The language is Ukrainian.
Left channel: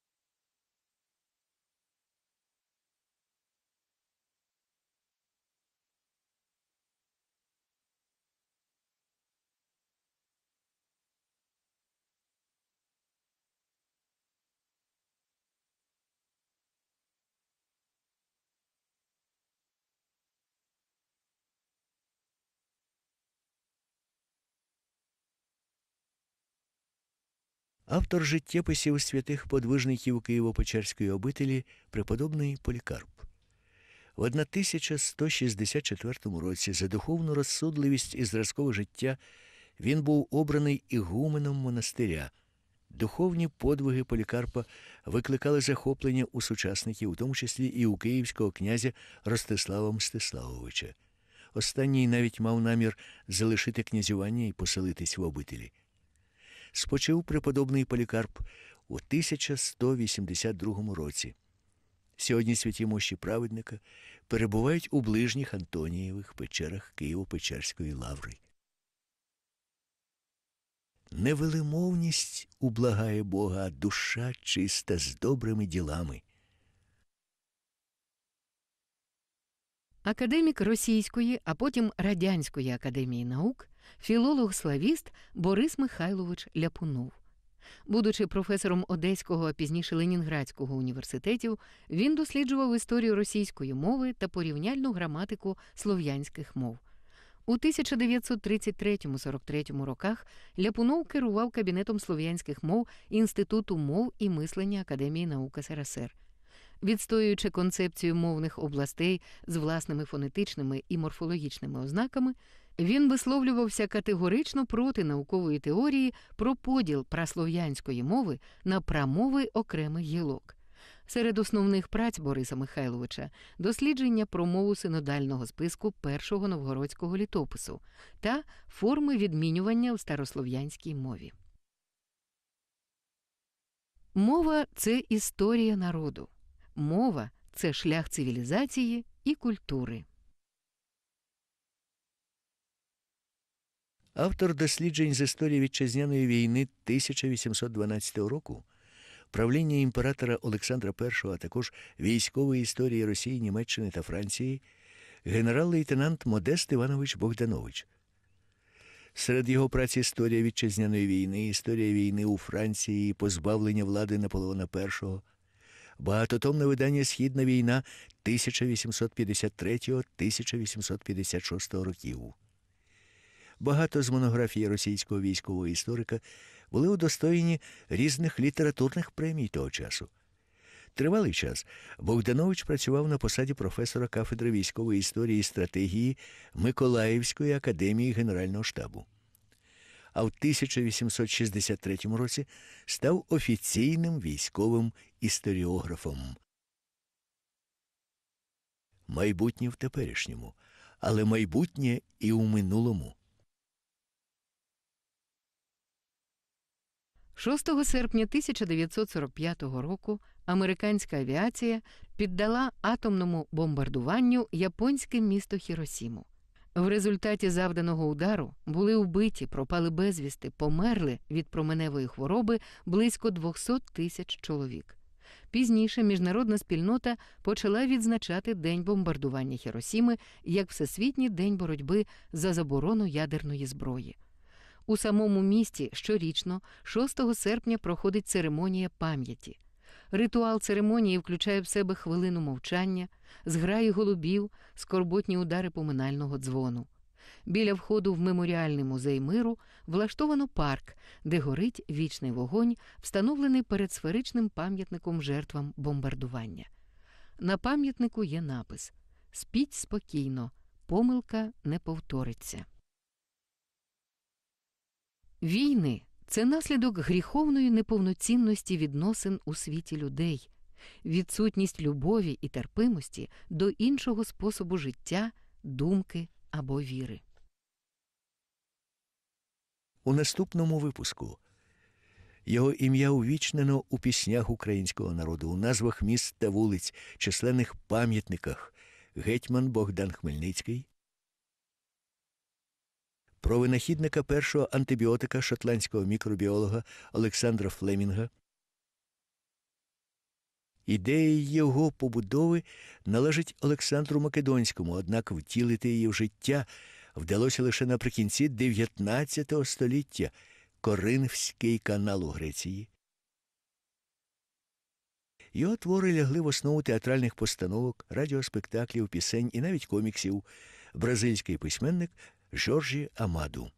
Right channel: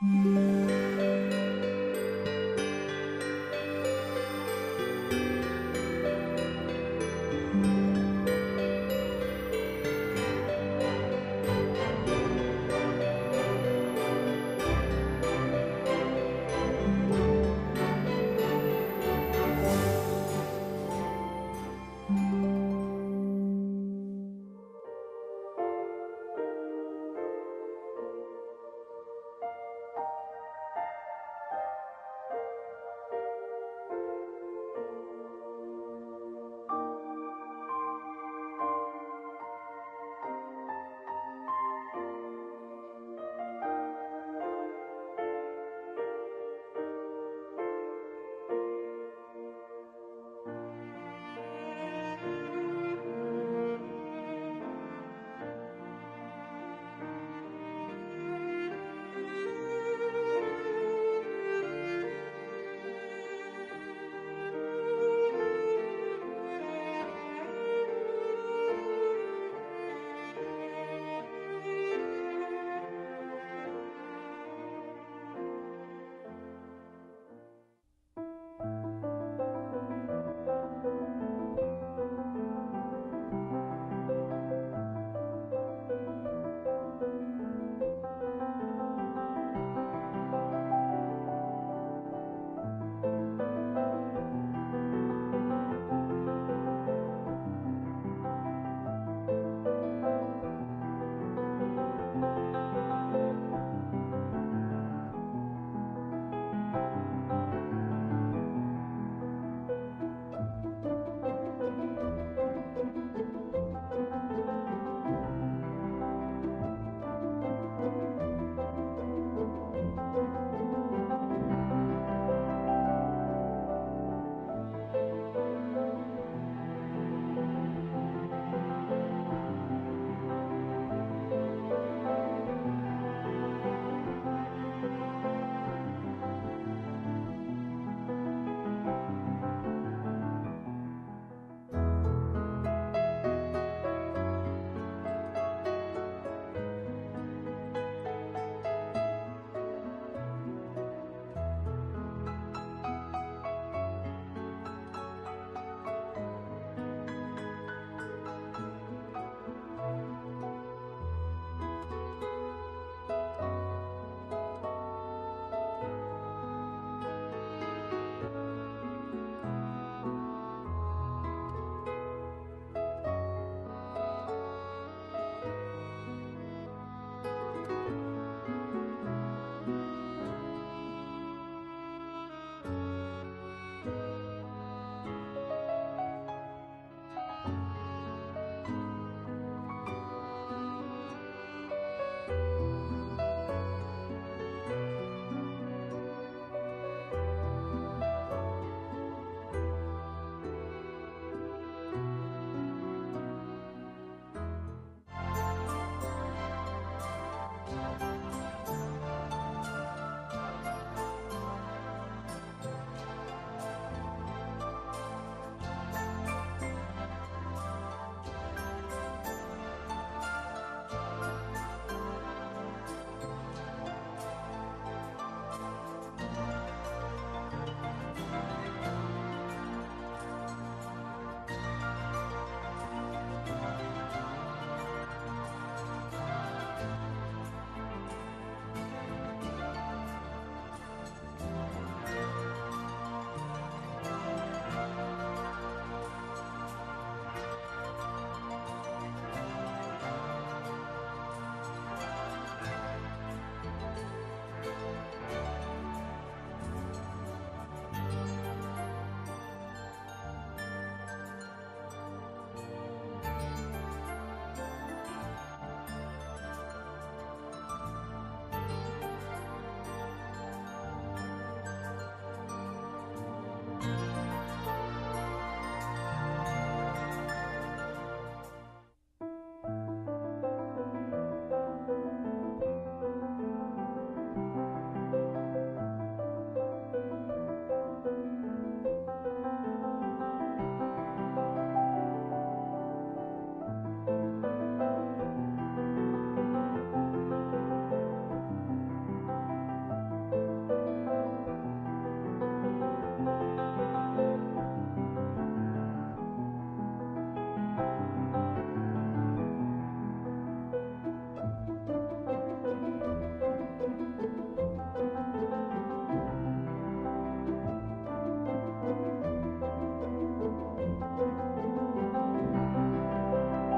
Música Автор життєписів святих подвижників Києво-Печерської обителі преподобний Полікарп. В 1164 році за духовну розсудливість і зразкове життя він був обраний ігуменом монастиря. Духовні подвиги Полікарпа викликали захоплення у сучасників, у тому числі і у київського князя Ростислава Мстиславовича. Останній навіть мав намір залишити князювання і поселитись в обителі спочив преподобний Полікарп у 1182 році. Сьогодні святі мощі праведника перебувають у ближніх Антонієвих печерах Києво-Печерської лаври. Невелимовність ублагає Бога, душа чиста з добрими ділами. Академік Російської, а потім Радянської академії наук, філолог-славіст Борис Михайлович Ляпунов. Будучи професором Одеського, а пізніше Ленінградського університетів, він досліджував історію російської мови та порівняльну граматику слов'янських мов. У 1933-43 роках Ляпунов керував кабінетом слов'янських мов Інституту мов і мислення Академії наук СРСР. Відстоюючи концепцію мовних областей з власними фонетичними і морфологічними ознаками, він висловлювався категорично проти наукової теорії про поділ праслов'янської мови на прамови окремих гілок. Серед основних праць Бориса Михайловича дослідження про мову синодального списку першого новгородського літопису та форми відмінювання в старослов'янській мові. Мова це історія народу. Мова це шлях цивілізації і культури. Автор досліджень з історії вітчизняної війни 1812 року, правління імператора Олександра І, а також військової історії Росії, Німеччини та Франції, генерал-лейтенант Модест Іванович Богданович. Серед його праць історія вітчизняної війни, історія війни у Франції, позбавлення влади Наполеона І, багатотомне видання Східна війна 1853-1856 років. Багато з монографій російського військового історика були удостоєні різних літературних премій того часу. Тривалий час Богданович працював на посаді професора кафедри військової історії і стратегії Миколаївської академії Генерального штабу. А в 1863 році став офіційним військовим історіографом. Майбутнє в теперішньому, але майбутнє і у минулому. 6 серпня 1945 року американська авіація піддала атомному бомбардуванню японське місто Хіросіму. В результаті завданого удару були вбиті, пропали безвісти, померли від променевої хвороби близько 200 тисяч чоловік. Пізніше міжнародна спільнота почала відзначати день бомбардування Хіросіми як Всесвітній день боротьби за заборону ядерної зброї. У самому місті щорічно, 6 серпня, проходить церемонія пам'яті. Ритуал церемонії включає в себе хвилину мовчання, зграї голубів, скорботні удари поминального дзвону. Біля входу в меморіальний музей миру влаштовано парк, де горить вічний вогонь, встановлений перед сферичним пам'ятником жертвам бомбардування. На пам'ятнику є напис: Спіть спокійно, помилка не повториться. Війни це наслідок гріховної неповноцінності відносин у світі людей, відсутність любові і терпимості до іншого способу життя, думки або віри. У наступному випуску його ім'я увічнено у піснях українського народу, у назвах міст та вулиць, численних пам'ятниках. Гетьман Богдан Хмельницький. Про винахідника першого антибіотика шотландського мікробіолога Олександра Флемінга. Ідея його побудови належить Олександру Македонському, однак втілити її в життя вдалося лише наприкінці 19 століття Коринфський канал у Греції. Його твори лягли в основу театральних постановок, радіоспектаклів, пісень і навіть коміксів. Бразильський письменник Жоржі Амадо.